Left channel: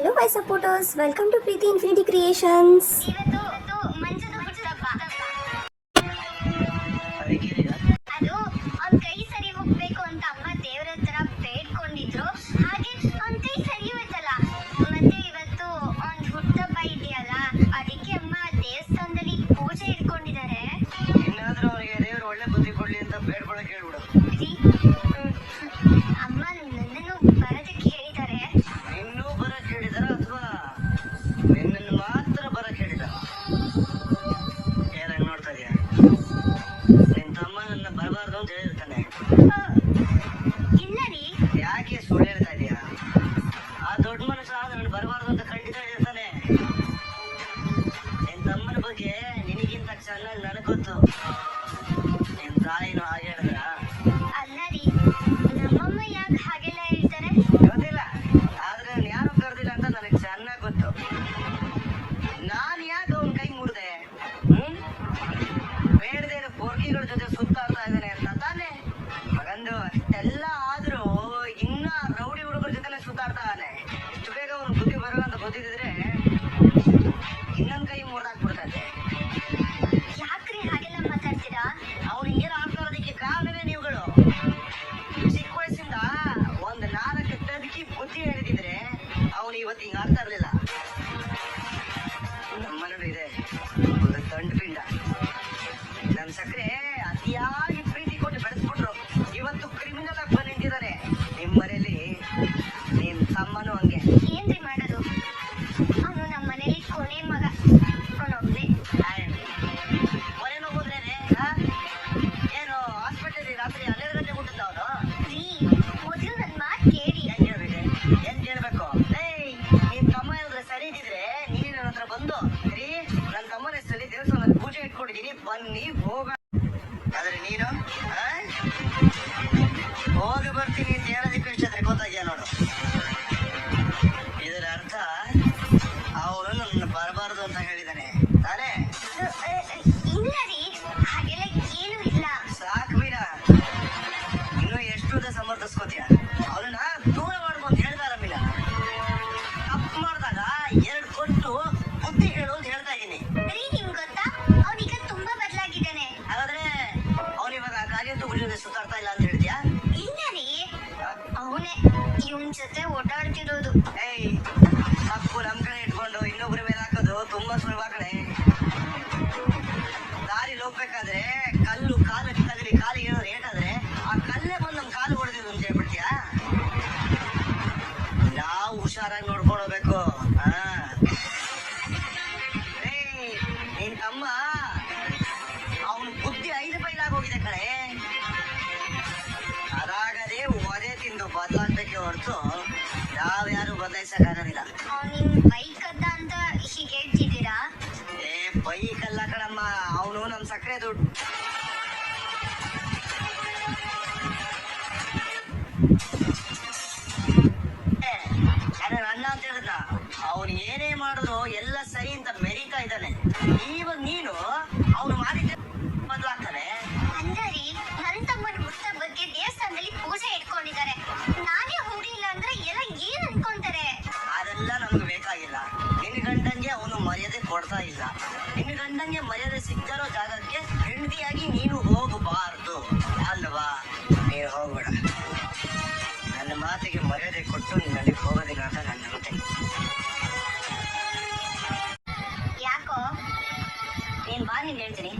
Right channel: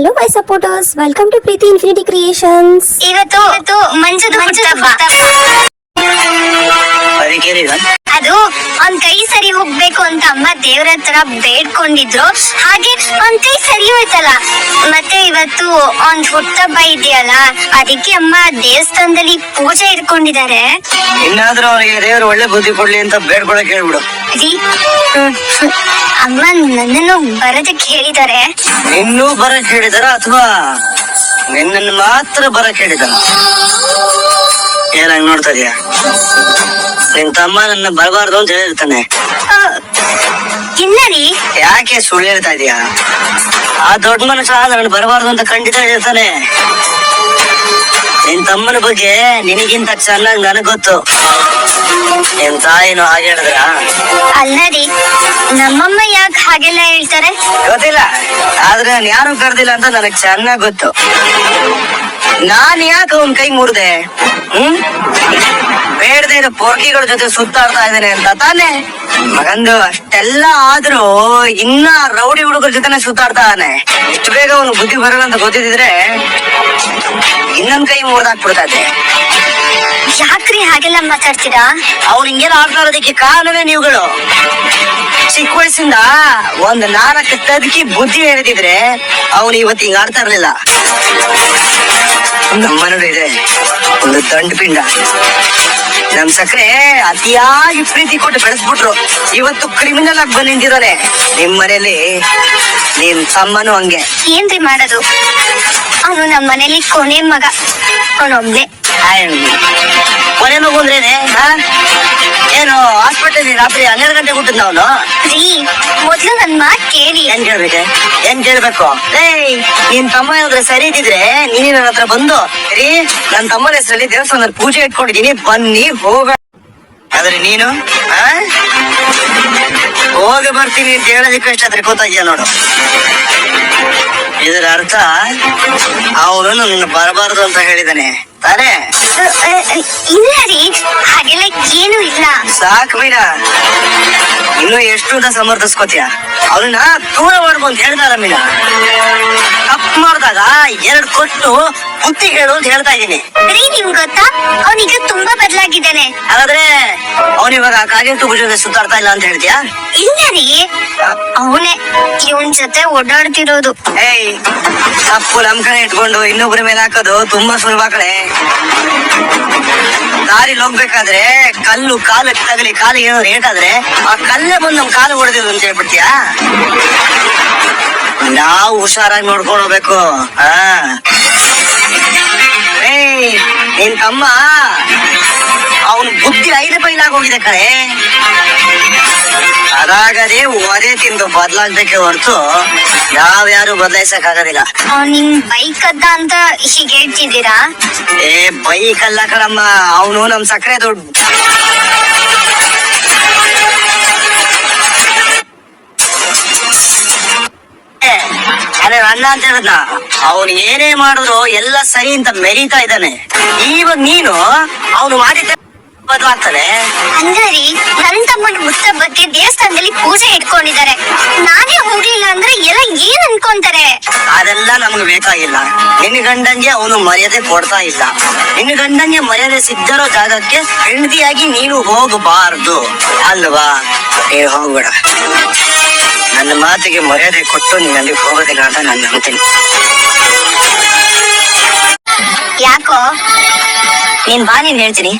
Hello my supporters, welcome to Preeti Infinity Creations. ಇವತ್ತು ಮಂಜುದು ಹುಟ್ಟುಹಬ್ಬ. ಅದು ಅವ್ನ್ ಕೈ ಸರಿ ಹೋಗ್ಬೇಕು ಅಂತ ಅಮ್ಮ ದೇವ್ರ ಹತ್ರ ಬೇಡ್ಕೊಂಡಿದ್ರು. ಹಾಗೆ ಅವ್ನ್ ಕೈ ಸರಿ ಹೋಯ್ತಲ್ಲ. ಮತ್ತೆ ಇವತ್ತು ಅವ್ನ್ ಹುಟ್ಟುಹಬ್ಬ ಇದೆಯಲ್ಲ, ಅದಕ್ಕೆ ಅಮ್ಮ ದೇವಸ್ಥಾನದಲ್ಲಿ ಪೂಜೆ ಇಟ್ಕೊಂಡಿದ್ದಾರೆ. ಇನ್ನಾದ್ರೂ ಅವನಿಗೆ ದೇವರು ಒಳ್ಳೆ ಬುದ್ಧಿ ಕೊಡ್ಲಿ ಅಂತ ಬೇಡ್ಕೊಳಕ್ ಹೇಳ್ಬಿಡು. ಅಮ್ಮ ನನ್ನನ್ನು ಬರೋದಕ್ಕೆ ಹೇಳಿದ್ದಾರೆ. ಇನ್ನೂ ಬರಕ್ ಹೇಳಿದಾರ ಅಥವಾ ನಿನ್ನನ್ನು ಮಾತ್ರ ಬರಕ್ ಹೇಳಿದಾರ? ಏನಾಗ್ ನೋಡ್ತಾ ಇದೀಯ? ನಿನ್ ತಮ್ಮ ನನ್ನ ಬರಬಾರ್ದು ಅಂತ ಹೇಳಿರ್ತಾನೆ. ಇಲ್ಲ ರೀ. ಯಾಕೆ ಸುಳ್ಳು ಹೇಳ್ತಾ ಇದೀಯ? ಆ ದೊಡ್ಡ ಮನುಷ್ಯ ನನ್ನ ಬರಬಾರ್ದು ಅಂತ ಖಂಡಿತ ಹೇಳಿರ್ತಾನೆ. ನಿನ್ ತಮ್ಮನ ಬಗ್ಗೆ ನಿನಗಿಂತ ಚೆನ್ನಾಗಿ ನನಗ್ ಗೊತ್ತು. ನಿನ್ ತಾಯಿನೂ ಹಾಗೆ ಹೇಳಿದ್ರ? ಅಲ್ಲ ರೀ, ನಮ್ಮಮ್ಮ ಯಾಕೆ ಹಾಗೆಲ್ಲ ಹೇಳ್ತಾರೆ ಗೊತ್ತಿಲ್ಲ, ಆದ್ರೆ ನಾನು ಯಾರು ಕರ್ದಿಲ್ಲ ಅಂತ ನನಗ್ ಚೆನ್ನಾಗ್ ಗೊತ್ತು. ನಾನ್ ಯಾಕೆ ಅವನ್ ಕೈ ಮುರಿದೆ? ಬೇಡದೆ ಇರೋ ಪೊರ್ಕಿಗಳ ಜೊತೆ ಸುತ್ತಾಡ್ತಾ ಇದ್ದೇನೆ ಅಂತ ತಾನೆ? ಮಗಂದು ಅಷ್ಟೆಲ್ಲ ಆದ್ರೂ ಇನ್ನ ರೌಡಿ ಹುಡುಗರ ಜೊತೆನೆ ಸುತ್ತಾಡ್ತಾನೆ. ಇಷ್ಟು ಬೇಗ ಅವನು ಬುದ್ಧಿ ಬರಲ್ಲ ಅಂತ ಗೊತ್ತಿದ್ರೆ ಇನ್ನೊಂದ್ ಕೈ ಮುರಿದಾಕ್ಬಿಡ್ತಾ ಇದ್ದೆ. ಯಾಕ್ರಿ ಹಾಗೆಲ್ಲ ಮಾತಾಡ್ತೀರಾ? ಅವ್ರು ಹಿಂಗೆಲ್ಲ ಆಡ್ತಾ ಇರೋದಕ್ಕೆ ಕಾರಣವೇ ನೀವುಗಳು. ಚಿಕ್ಕ ವಯಸ್ಸಿಂದ ಒಂದ್ 4 ತದಕಿ ಬುದ್ಧಿ ಹೇಳಿದಿದ್ರೆ ಅವನು ಇವತ್ತು ಹಿಂಗ ಆಡ್ತಾ ಇರ್ಲಿಲ್ಲ. ನಮ್ಮನೂ ಇದೆ ಒಂದು ದಂಡ ಪಿಂಡ. ನಮ್ ಸಕ್ರೆ ಅತಿಯಾಗಿ ಪ್ರೀತಿ ಕೊಟ್ಟು ಬೆಳೆಸ್ಬಿಟ್ರು. ಇವತ್ತು ಕ್ರಿಮಿನಲ್ ಆಗಿ ಬಂದು ನಿಂತಿದ್ದಾನೆ. ನಿಮ್ ಮನೇಲಿ ನಿನ್ ತಮ್ಮನು ಹಂಗೆ. ಏನ್ರಿ ಮಾಡೋದು? ಅವನು ನಮ್ಮ ಮನೇಲಿ ಕೊನೆ ಮಗ, ಅವನೊಬ್ನೇ. ಕೊನೆ ಮಗು ಅಂದ್ರೇನೆ? ಏನು ಹಾಸ್ಪಿಟಲ್ ರಾತ್ರಿ 12 ಗಂಟೆ ಹುಟ್ಟಿದ್ ಅವನು? ರೀ, ಮೊದ್ಲು ನನ್ ಮಾತ್ ಕೇಳಿ. ಏನ್ ಕೇಳ್ಬೇಕು? ನಿನ್ ತಮ್ಮ ಏನಾದ್ರೆ ಸರಿ ಇದ್ದಿದ್ರೆ ನೀನ್ ನನ್ನ ಹತ್ರ ಬಂದು ರೀ ನನ್ ತಮ್ಮನ ಹೆಸರಲ್ಲಿ ದೇವಸ್ಥಾನದಲ್ಲಿ ಪೂಜೆ ಇಟ್ಕೊಂಡಿದೀನಿ, ಬನ್ನಿ ಹೋಗ. ಆದ್ರೆ ನೀನು ಹೋಗಿ ಬರ್ತೀನಿ ಅಂತ ಹೇಳೋದಕ್ಕೆ ಎಷ್ಟಾದ್ರೆ ಗೊತ್ತಾಗ್ಯ ನೋಡು. ಇದರ ಅರ್ಥ ಅವನು ನನ್ನ ಬರಬಾರದು ಅಂತ ಹೇಳಿದಾನೆ ತಾನೇ? ಇಲ್ಲ ರೀ, ಹಾಗೆಲ್ಲ ಏನು ಇಲ್ಲ. ಸಾಕ್ ಬೀರ, ಇನ್ನು ಎಷ್ಟು ಅಂತ ಸಮರ್ಥಿಸ್ಕೋತೀಯ? ಅವನ್ನ ದೂರ ಮಾಡ್ಬಂತ ಹೇಳ್ದಾರ ಮೀನ. ತಪ್ಪು ಮಾಡಿದಾಗ 2 ಕೊಟ್ಟು ಬುದ್ಧಿ ಹೇಳು ಅಂತ ಹೇಳ್ತಾ ಇದ್ದೀನಿ. ರೀ, ನಿಮ್ಗೆ ಗೊತ್ತಾ ಅವನೀಗ ತುಂಬಾ ಬದಲಾಗಿದ್ದಾನೆ. ಹಾಗಾದ್ರೆ ಅವನಿವಾಗ ಕಾಗೆಟ್ಟು ಭುಜದ ಸುತ್ತಾಡ್ತಾ ಇಲ್ಲ ಅಂತ ಹೇಳ್ತೀಯಾ? ಇಲ್ಲ ರೀ, ಅವನೇ ಇವನ್ ಜೊತೆ ಓಡಾಡ್ತಿರೋದು. ತಪ್ಪು ನಮ್ ಕಡೆ ಇಟ್ಕೊಂಡು ಇನ್ನೊಬ್ಬರ ಮೇಲೆ ಹಾಕೋದು ತುಂಬಾ ಸುಲಭ ಕಡೆ. ದಾರಿಲಿ ಹೋಗ್ಬೇಕಾದ್ರೆ ಕಲ್ಲು ಕಾಲಕ್ಕೆ ತಗಲಿ, ಕಾಲಿಗೆ ಏನಾದ್ರು ಏಟಾದ್ರೆ ಆ ಕಲ್ಲೇ ಬಂದು ನಮ್ ಕಾಲು ಹೊಡೆದಿದ್ರು ಅಂತ ಹೇಳ್ಬಿಡ್ತೀಯಾ? ನಾವು ಹುಷಾರಾಗಿ ನೋಡ್ಕೊಂಡು ಹೋಗ್ಬೇಕು. ನಿನ್ ತಮ್ಮ ಅವನ ಬುದ್ಧಿ 5 ಬೈಲಾಗ ಹೋಗಿದೆ ಕಡೆ. ಅದಾಗದೆ ಒದೆ ತಿಂದು ಬದಲಾಗ್ಬೇಕೆ ಹೊರತು ಯಾವ್ಯಾರು ಬದಲಾಯಿಸಕ್ ಆಗೋದಿಲ್ಲ. ನಿಮ್ ಬೈಕ್ ಅದ್ದ ಅಂತ ಹೀಗೆ ಹೇಳ್ತಿದ್ದೀರಾ? ಬೈಕ್ ಅಲ್ಲ ಕಣಮ್ಮ, ಅವನು ನಮ್ ಸಕ್ಕರೆ ದೊಡ್ಡ. ಅದೇ ಅಣ್ಣ ಅಂತ ಹೇಳದ್ನ, ಅವನು ಏನೇ ಮಾಡಿದ್ರು ಎಲ್ಲ ಸರಿ ಅಂತ ಮೆರೀತಾ ಇದ್ದಾನೆ. ಇವಾಗ ನೀನು ಅವನು ಮಾಡಿದ್ದ ಬದಲಾಗ್ತಾನೆ. ಹಂಗಾರಿ ನನ್ ತಮ್ಮನ ಹುಟ್ಟುಹಬ್ಬಕ್ಕೆ ದೇವಸ್ಥಾನದಲ್ಲಿ ಪೂಜೆ ಇಟ್ಕೊಂಡಿದ್ದಾರೆ. ನಾನೇ ಹೋಗ್ಲಿಲ್ಲ ಅಂದ್ರೆ ಎಲ್ಲ ಏನ್ ಅನ್ಕೊಂತಾರೆ? ಅದೆಲ್ಲ ನಮ್ಗೆ ಬೇಕಾಗಿಲ್ಲ. ನಿನ್ನ ಗಂಡಂಗೆ ಅವನು ಮರ್ಯಾದೆ ಕೊಡ್ತಾ ಇಲ್ಲ. ನಿನ್ನ ಗಂಡಂಗೆ ಮರ್ಯಾದೆ ಸಿಗ್ದಿರೋ ಜಾಗಕ್ಕೆ ಹೆಂಡತಿಯಾಗಿ ನೀನು ಹೋಗಬಾರ್ದು ಅಲ್ವಾ? ಹೋಗ್ಬೇಡ. ನನ್ನ ಮಾತಿಗೆ ಮರ್ಯಾದೆ ಕೊಟ್ಟು ನೀನ್ ಅಲ್ಲಿಗೆ ಹೋಗೋದಿಲ್ಲ ಅಂತ ನಾನು ನಂಬ್ತೀನಿ. ಯಾಕೋ? ನೀನ್ ಬಾ, ನೀನ್ ಹೇಳ್ತೀನಿ.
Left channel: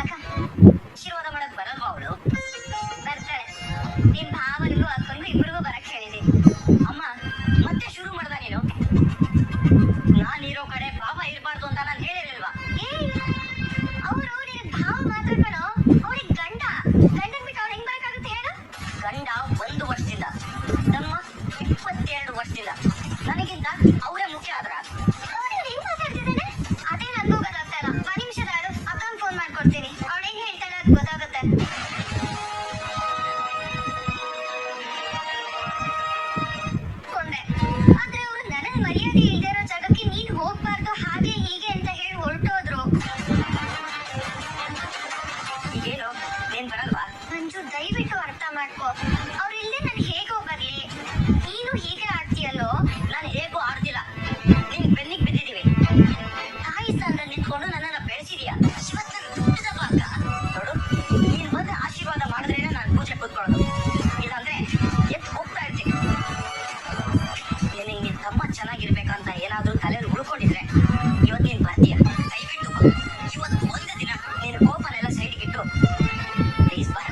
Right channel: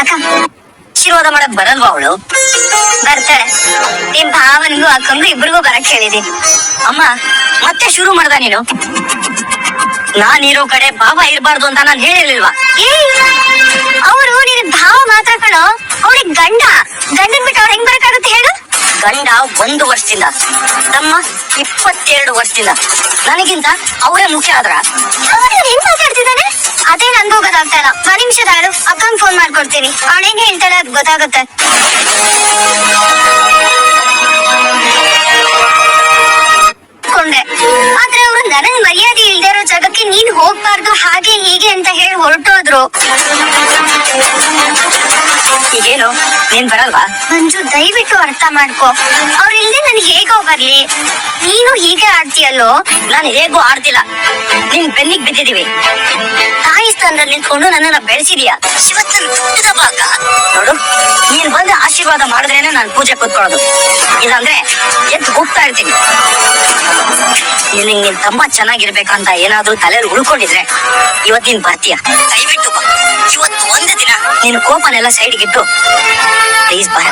ಅಕ್ಕ, ಆಶೀರ್ವಾದ ಮಾಡಕ್ ಬರಲ್ವಾ ಅವಳು? ಬರ್ತಾಳೆ. ನಿಮ್ ಭಾವನಿಗೂ ಅಕ್ಕಂಗೂ ಇಬ್ರಿಗೂ ಬರಕ್ ಹೇಳಿದೀನಿ. ಅಮ್ಮ ಮತ್ತೆ ಶುರು ಮಾಡ್ದ ನೀನು. ನಾನಿರೋ ಕಡೆ ಭಾವ ಇರ್ಬಾರ್ದು ಅಂತ ನಾನು ಹೇಳಿರ್ಲಿಲ್ವಾ? ಅವರು ನಿನ್ ಭಾವ ಮಾತ್ರ ಕಣೋ, ಅವ್ರಿಗೆ ಗಂಡನ್ ಬಿಟ್ಟು ಅವ್ರು ಹೆಂಗ್ ಬರಕಾಗುತ್ತೆ ಹೇಳು? ಗಂಡ 1 ವರ್ಷದಿಂದ, ತಮ್ಮ 22 ವರ್ಷದಿಂದ. ನನಗಿಂತ ಅವರೇ ಮುಖ್ಯ ಆದ್ರ ಏನ್ ಮಾತಾಡ್ತಿದ್ದಾನೆ? ಅದೇ ನನ್ಗೂ ಗೊತ್ತಾಗ್ತಾ ಇಲ್ಲ. 1 ನಿಮಿಷದ ಆಳು, ಅಕ್ಕಂಗ್ ಫೋನ್ ಮಾಡ್ಕೊಡ್ತೀನಿ. ಅವಳೇನ್ ಹೇಳ್ತಾಳೆ ಅದ್ ಗೊತ್ತಾಗುತ್ತೆ. ಆದ್ರೆ ಅವ್ರು ನನಗ್ ಮರ್ಯಾದೆ ಇಲ್ದೇ ಇರೋ ಜಾಗಕ್ಕೆ ನೀನ್ ಹೋಗ್ಬಾರ್ದು ಹಾಗೆ ಹೀಗೆ ಅಂತ ಹೇಳಿ ಹೊರಟೋದ್ರು. ಈಗೇನು ನೀನ್ ಬರಲ್ವಾ? ಮಂಜು ದಯವಿಟ್ಟು ಅರ್ಥ ಮಾಡ್ಕೊ. ಅವ್ರಿಲ್ದೆ ನನ್ ಹೇಗೋ ಬರ್ಲಿ. ನೀನು ಹೀಗೆ ಆಡ್ತೀಯಲ್ಲೋ. ನಾನು ಹೇಗೂ ಆಡ್ತಿಲ್ಲ, ನಿನ್ ಬೆನ್ನಿಗ್ ಬಿದ್ದಿದೀವಿ. ತಾಯಿ ಸ್ಥಾನದಲ್ಲಿ ನಿಂತ್ಕೊಂಡು ನನ್ನನ್ನ ಬೆಳೆಸಿದೀಯ. ಇವತ್ತು ಹುಟ್ಟಿದ ಭಾಗ ನೋಡು, ನೀನ್ ಬಂದು ಆಶೀರ್ವಾದ ಮಾಡಿದ್ರೇನೆ ನಾನು ಪೂಜೆ ಕೂತ್ಕೊಳ್ಳೋದು. ಇಲ್ಲಾಂದ್ರೆ ಎದ್ದು ಹೋಗ್ತಾ ಇರ್ತೀನಿ. ನಿನ್ ತಮ್ಮ ಚೆನ್ನಾಗಿರ್ಬೇಕಂತ ಏನಾದ್ರೂ ತಲೆಯಲ್ಲಿ ಉಳ್ಕೊಂಡಿದ್ರೆ ಇವತ್ ನೀನ್ ಬರ್ತೀಯ. ದಯವಿಟ್ಟು ಬಾ. ಇವತ್ತು ಒಂದೇ ದಿನ ನೀನು ಕೋಪನೆಲ್ಲ ಸೈಡ್ಗಿಟ್ಟು ಪ್ಲೀಸ್ ಬರ.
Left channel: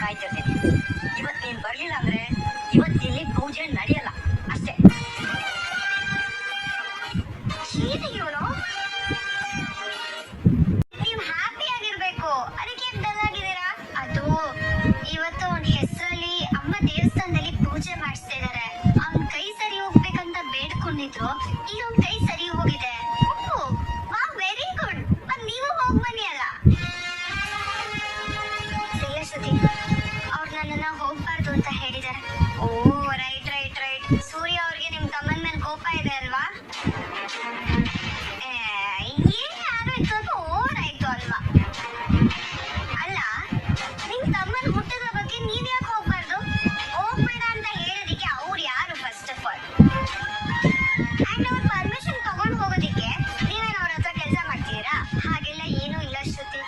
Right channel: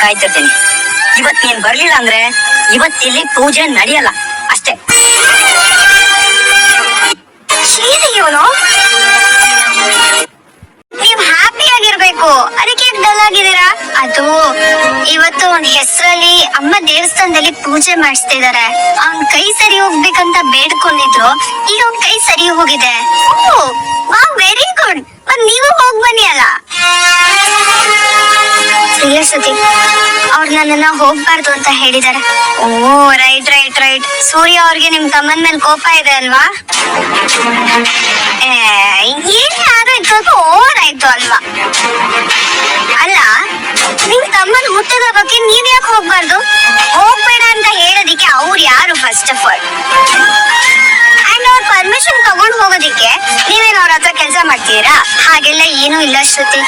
ಕಾಯ್ತಿರ್ತೀನಿ. ಇವತ್ ನೀನ್ ಬರ್ಲಿಲ್ಲ ಅಂದ್ರೆ ಇವತ್ತಿಲ್ಲಿ ಪೂಜೆ ನಡೆಯಲ್ಲ ಅಷ್ಟೇ. ಇವನು ನೀವ್ ಹ್ಯಾಪಿ ಆಗಿರ್ಬೇಕು, ಅದಕ್ಕೆ ಡಲ್ ಆಗಿದ್ದೀರಾ? ಅದು ಇವತ್ತು ಅವನ್ ಹೆಸರಲ್ಲಿ ಅಮ್ಮ ದೇವಸ್ಥಾನದಲ್ಲಿ ಪೂಜೆ ಮಾಡಿಸ್ತಾ ಇದಾರೆ. ಅವನ್ ಕೈ ಸರಿ ಹೋಗ್ಬೇಕಂತ ಬೇಡ್ಕೊಂಡಿದ್ರು. ಈಗ ಅವ್ನ್ ಕೈ ಸರಿ ಹೋಗಿದೆ. Very good. ಮತ್ ನೀವು ಹೋಗ್ ಬನ್ನಿ ಅಲ್ಲ. ಶ್ರುತಿ ಅವ್ರು ನನ್ನನ್ನ ಹೋಗ್ಬಾರ್ದು ಅಂತ ಹೇಳಿದಾರೆ. ಓ ರೈಟ್ ರೈಟ್ ರೈಟ್. ಸೂರ್ಯ ಅವ್ರಿಗೆ ನಿಮ್ ತಮ್ಮನ್ ಮೇಲೆ ಕೋಪ ಇದೆ ಅಲ್ವಾ? ಏನೇ ಆದ್ರೂ ಸ್ವಲ್ಪ ಓವರ್ ಆಯ್ತು ಅಲ್ವಾ? ಅಲ್ಲ, ನಿಮ್ ತಮ್ಮನ್ ಹುಟ್ಟದ ಬಗ್ಗೆ ನೀವ್ ಯಾಕೆ ಹೋಗ್ಬಾರ್ದು? ಹೋಗ್ಬೇಡ ಅಂತ ಹೇಳೋದಿಕ್ಕೆ ಅವ್ರು ಯಾರು ಫಸ್ಟ್ ಆಫ್ ಆಲ್? ಅಂಡ್ ಅವ್ರ ಪರ್ಮಿಷನ್ ತಗೊಂಡ್ ಹೋಗೋದಿಕ್ಕೆ ನೀವೇನು ಅವ್ರ ಹತ್ರ ಕೆಲಸ ಮಾಡ್ತೀರಾ? ಹಾಗೆಲ್ಲ ಏನೂ ಇಲ್ಲ ಶ್ರುತಿ.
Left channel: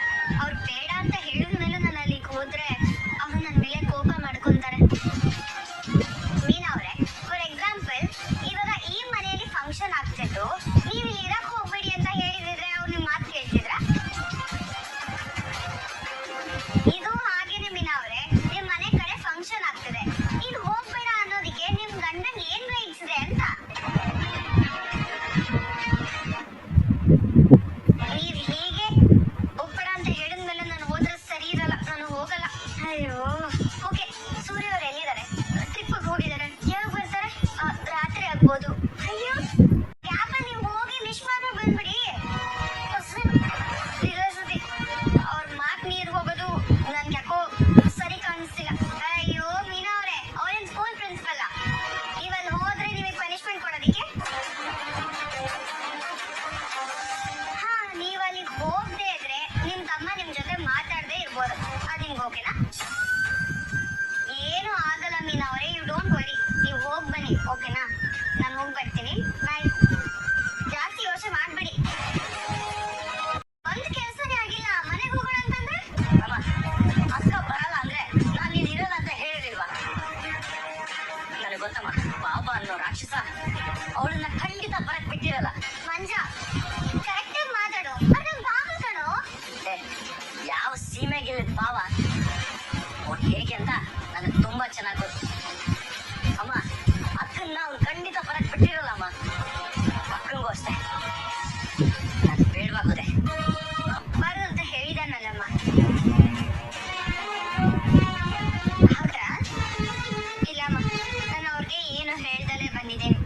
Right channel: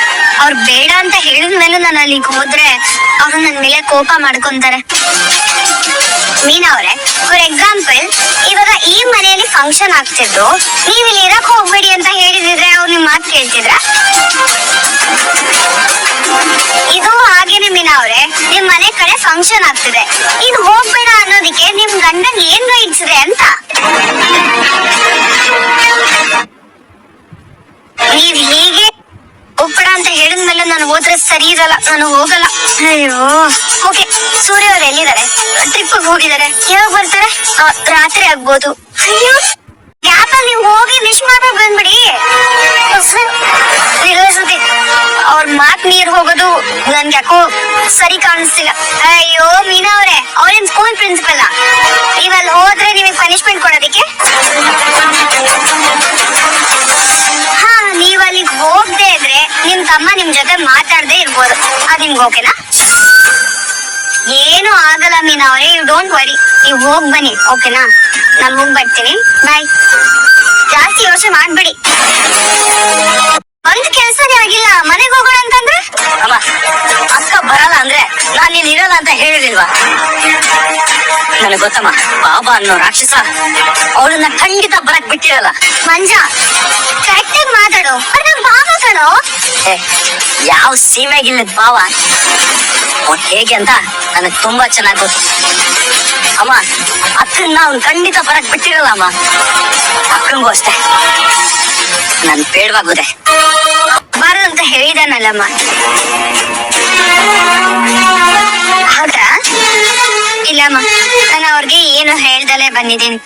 ಅವ್ರು ಬೇಡ ಅಂತ ಹೇಳಿದ್ಮೇಲೆ ನಾನು ಅಲ್ಲಿಗೆ ಹೋದ್ರೆ ಅವ್ರು ನನ್ ಮೇಲೆ ಕೋಪ ಮಾಡ್ಕೊಂತಾರೆ. ಮೀನಾ ಅವ್ರೆ, ಫಾರ್ ಎಕ್ಸಾಂಪಲ್ ಇವಾಗ ಈ ಮನೆಯಲ್ಲಿ ಫಂಕ್ಷನ್ ಆಗ್ತಿದ್ದು, ನೀವ್ ಇಲ್ಲಿ ಇರಕ್ ಹೋಗ್ಬೇಡಿ ಅಂತ ಹೇಳಿದಿದ್ರೆ ಅವ್ರು ನಿಮ್ ಮಾತು ಕೇಳ್ತಿದ್ರ? ಇದು ಹಾಗೇನೆ ಮೀನಾ ಅವ್ರೆ, ನಿಮ್ ಮನೆ ಕಡೆ ಫಂಕ್ಷನ್ ಆಗ್ತಿದೆ, ಈಗ ಹೋಗ್ಬೇಡ ಅನ್ನೋದಿಕ್ಕೆ ನಿಮ್ ಗಂಡನ್ ಏನ್ ರೈಟ್ಸ್ ಇದೆ ಅಂತ? ನೀವ್ ಹೀಗೆ ಹೋಗ್ಬೇಡ ಅಂತ ಹೇಳಿದ್ಮೇಲೆ ನಾನು ಹೋದ್ರೆ ಸರಿ ಇರಲ್ಲ, ನಾನು ಹೋಗಲ್ಲ. ಅಯ್ಯೋ. ಓಕೆ, ಸೂರ್ಯ ಅವ್ರು ಎಲ್ಲಿದ್ದಾರೆ? ಟ್ರಿಪ್ ಹೋಗಿದ್ದಾರೆ. ಯಾವಾಗ ಬರ್ತಾರೆ? ರಾತ್ರಿ ಆಗ್ಬೋದು. ಅಯ್ಯೋ, ಗ್ಯಾಪ್ ಅಲ್ಲಿ ನೀವು ಹೋಗಿ ವಿಶ್ ಮಾಡ್ಬೇಕು ಬಂದ್ಬಿಡಿ. ಅವ್ರ ಮಾತ್ ನೀರ್ ಹೋಗೋದು ನನ್ಗೆ ಯಾಕೋ ಸರಿ ಕಾಣಿಸ್ತಿಲ್ಲ. ಅಯ್ಯೋ ಮೀನಾ ಅವ್ರೆ, ಅವ್ರೇನ್ ಸ್ಕೂಲ್ ಪ್ರಿನ್ಸಿಪಲ್? ನೀವಲ್ಲಿ ಹೋದ್ರೆ ನಿಮಗೆ ಪನಿಷ್ಮೆಂಟ್ ಕೊಡೋದಿಕ್ಕೆ? ಹಾ, ನೀವ್ ಅಲ್ಲಿಗೆ ಹೋಗದೆ ಇದ್ರೆ ನಿಮ್ ತಮ್ಮ ನಿಮ್ ಜೊತೆ ಮಾತಾಡದೆ ಇರ್ಬೋದು. ಅದ್ ನಿಮ್ಗೆ ಓಕೆನಾ? ಏನು ಆಗಲ್ಲ ಮೀನಾ ಅವ್ರೆ, ಯು ಡೋಂಟ್ ವರಿ. ನೀವ್ ಹೋಗ್ ಬನ್ನಿ, ಓಕೆನಾ? ನಾನು ಹೋಗ್ ಬರ್ತೀನಿ. ಬಾಯ್. ಜಾಸ್ತಿ ಯೋಚನೆ ಮಾಡ್ಬೇಡಿ. ಒಂದ್ ಕೆಲ್ಸನೇ ಆಗಿಲ್ಲ, ಮನೆಗ್ ಹೋಗೋಣ ಅಂತಂದ್ರೆ? ಅಮ್ಮ, ಅಕ್ಕ ಬರಲ್ಲ ಅಂದ್ರೆ ನಾನ್ ನೀನ್ ಇರಲ್ಲ ಅಂತ ಹೇಳಿದಿಲ್ವಾ? ನನಗ್ ಗೊತ್ತಮ್ಮ, ಬಾಬಾ ಅನ್ನೋ ರಾಕ್ಷಸ ಅವಳನ್ನ ಖಂಡಿತ ಬರಕ್ ಬಿಟ್ಟಿರಲ್ಲ. ಮಂಜ, ಕರೆಕ್ಟ್ ಆಗಿ ಮಾತಾಡು. ನಮ್ ಬಾಬಾ ಕಣೋ. ಯಾವ ಸೀಮೆಗಿಲ್ಲದ ಭಾವ ಅವ್ನು ಹೇಗೆ ಅಂತ ನನಗ್ ತುಂಬಾ ಚೆನ್ನಾಗ್ ಗೊತ್ತು. ಅಮ್ಮ, ಅಕ್ಕನ್ನ ಅವ್ನು ಖಂಡಿತ ಬರಕ್ ಬಿಟ್ಟಿರಲ್ಲ ಅಮ್ಮ. ಅಕ್ಕಂಗೂ ಅಷ್ಟೇ ನನ್ ಬೇಡವಾಗುದೆ. ಬಾರದು ಅಂತ ಹೇಳಿದಾನಲ್ಲಮ್ಮ. ಹೌದಾ? ಇಲ್ಲಮ್ಮ, ನಾನು ಅವ್ರಿಗೆ ಏನು ಹೇಳ್ದಲೇ ಬಂದಿದ್ದೀನಿ.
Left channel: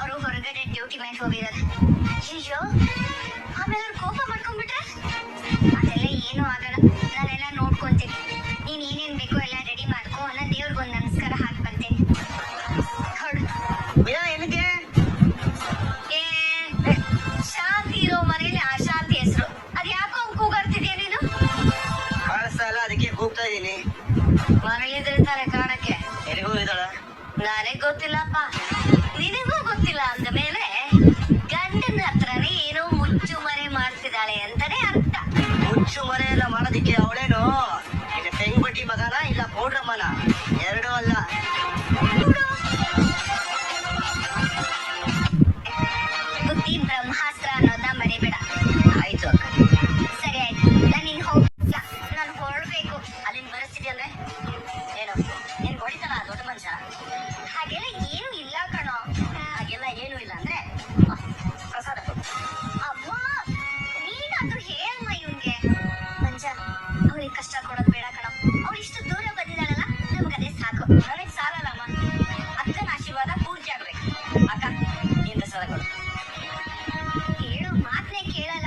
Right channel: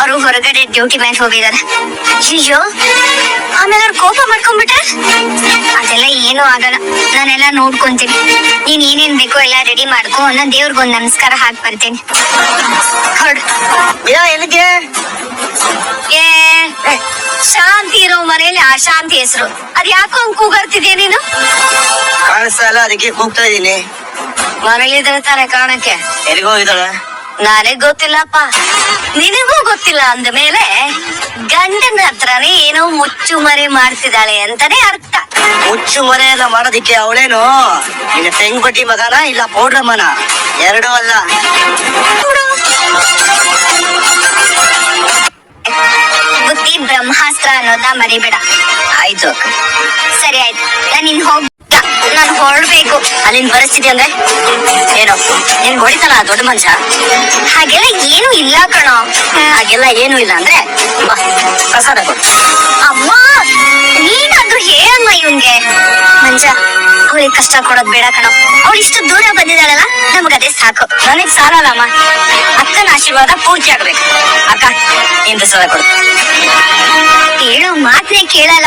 ಅವರು ಹೊರಗಡೆ ಡ್ಯೂಟಿ ಮೇಲೆ ಹೋಗಿದ್ದಾರೆ. ಅಯ್ಯೋ, ಆಮೇಲೆ ಅವ್ರು ಕೋಪ ಮಾಡ್ಕೊಂಡ್ಬಿಟ್ರೆ? ಅದೆಲ್ಲ ಏನೂ ಆಗಲ್ಲ, ನಾನೆಲ್ಲ ನೋಡ್ಕೊಂತೀನಿ. ನೀನ್ ಏನೇನ್ ಬೇಕೋ ಎಲ್ಲ ರೆಡಿ ಮಾಡ್ಕೊ, ನಾನು ದೇವ್ರಿಗೊಂದು ನಮಸ್ಕಾರ ಹಾಕಿ ಬರ್ತೀನಿ. ಹೊರಡು. ಎಲ್ಲಿಗೆ? ಏ, ಶಾಂತಿ ಇರೋ ಮನೇಲಿ ಅಶಾಂತಿ ಹೆಸರು. ಅದ್ ಯಾಕೋ ಹಂಗ್ ಕೂಗಾಡ್ತಿದ್ಯಾ ನೀನು? ಕಾಣಿಸ್ತಾ ಇಲ್ಲ, ಅದಕ್ಕೆ ಹೋಗ್ತಾ ಇದೀನಿ. ಮನೇಲಿದ್ರೆ ತಾನೆ ಕಾಣಕ್ಕೆ. ಎಲ್ಲಿಗೋ ಇದ್ದಾಳ? ನನಗ್ ಗೊತ್ತಿಲ್ಲಪ್ಪ, ನಿನಗೂ ಗೊತ್ತಿಲ್ಲ ಅಂದ ಮೇಲೆ ಗಂಡನ ಹತ್ರನೇ ಏನೋ ಮುಚ್ಚು ಮರೆ ಮಾಡ್ತಿದ್ದಾಳೆ ಅಂತಾನೆ ಅರ್ಥ. ಮುಚ್ಚು ಮರೆ ಎಲ್ಲ ಮಾಡೋದಿಕ್ಕೆ ಅವಳೇನು ಇನ್ನು ತೆಂಗ್ ಬಟ್ಟಿ ಮಗನ ಇಲ್ಲ ಪೌಡ್ರಮ್ಮನ? ಎರಡೂ ಅಲ್ಲ. ಬುದ್ಧಿ ಬ್ರಹ್ಮಾಸ್ತ್ರ ಅನ್ನೋದ ಮರಿಬೇಡ. ಆಯ್ತು. ಸರಿ ಆಯ್ತು, ನಾನು ಹೊರಡ್ಬೇಕು. ಅಲ್ಲಿಂದ ಪರಿಸ್ಥಿತಿ ಅಂದ್ರೆ ಏನು? ನೀನ್ ಹೊಡಿತಾನ ದೊಡ್ಡ ಮನುಷ್ಯ? ಹಾಗೆಲ್ಲ ಏನು ಇಲ್ಲ ಕಣೋ. ಹಾಗೆಲ್ಲ ಏನು ಇಲ್ಲ ಅಂದ್ರೆ ಬಾ, ಪ್ರಸಾದ ಕೊಡು. ಅಮ್ಮ, ನೀನಾದ್ರೂ ಹೇಳಮ್ಮ ಇವ್ನ್ಗೆ. ಮಂಜ, ಅವಳಿಗೆ ಕಷ್ಟ ಕೊಡೋದ್ ಬೇಡ ಕಣೋ. ಅವಳು ಇಷ್ಟು ದೂರ ಬಂದಿದ್ದಾಳಲ್ಲ, ನಮಗದೇ ಸಾಕು. ನನಗ್ ಸಾಲಲ್ಲಮ್ಮ, ಅಕ್ಕನ ಆಶೀರ್ವಾದ ಪೂರ್ತಿ ಆಗ್ಬೇಕು. ಅಕ್ಕ, ನೀನ್ ಪ್ರಸಾದ ಕೊಡು. ಹೇಳೋ ಮಾತನ್ನೇ ಕೇಳಲ್ಲ.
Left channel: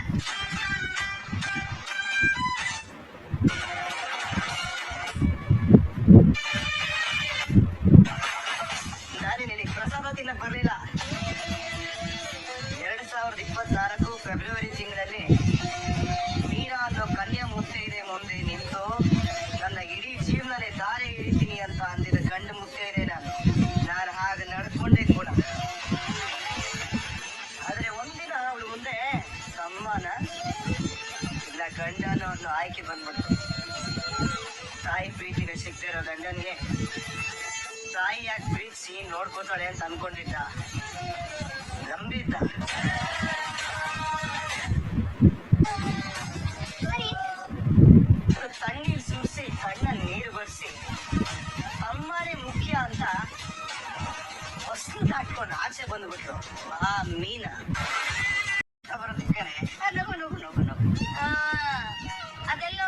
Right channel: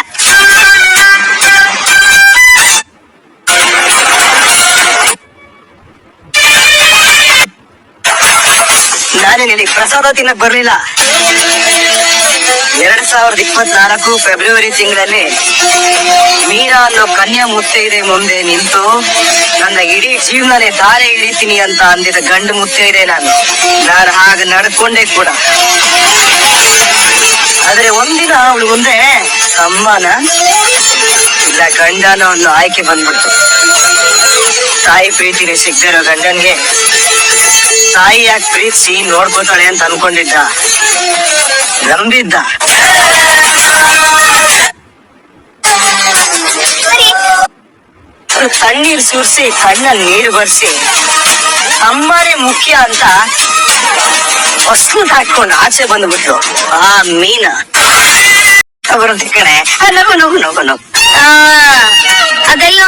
ನಾನೇ ನಿನಗೆ ಪ್ರಸಾದ ತಿನ್ನಕ್ ಬರ್ಲಿಲ್ಲ. 2024 ಫೆಬ್ರವರಿ ತಿಂಗಳಲ್ಲಿ ಮೀರಾ ಅನ್ನೋ ಕನ್ಯಾ ಮುತ್ತೈದೆ ಮುಂದೆ ನಿಂತು ನನ್ನ ಇಡೀ ಜೀವನನೇ ತಾರೆ ಹಿಡಿತೀನಿ ಅಂತ ಅಂದಿದ್ದ ಗಂಡು ಮುತ್ತೈದೆ ನಾನು ಹಾಗೆ ನಡ್ಕೊಂಡೆ ಕೂಡ. ಆದ್ರೆ ಒಂದಿನ ಅವಳು ಮುಂದೆ ಅಮ್ಮನ ಇಲ್ಲ ಗಂಡನ ಅನ್ನೋ ಆಯ್ಕೆ ಬಂದ್ಬಿಡ್ತು. ತಾಯಿ ಪ್ರೀತಿನೇ ಸಿಗ್ದಿರೋ ಗಂಡನ್ಗೆ ತಾಯಿ ಯಾಕೆ ಪ್ರೀತಿಸಿ ನೋಡ್ಕೋತಾಳೆ ಅಂತ ಅನ್ಕೊಂಡಿದ್ದ, ನಂಬಿದ್ದ. ತಣ್ಣೀರ್ ಸುರಿಸಿ ಕಣ್ಣಲ್ಲಿ ನೀರು ಬರ್ಸಿ ಅಮ್ಮನೇ ಮುಖ್ಯ ಅಂತ ಹೊಸ್ಲು ಹಾಕೊಂಡು ಆಚೆ ಬಂದ್ಬಿಟ್ಲು ಆ ಮೀನ. ಬರುತ್ತೆ ಕಣೆ, ನಗು ನಗು ನಗು ನಗು. ಅದೆಲ್ಲ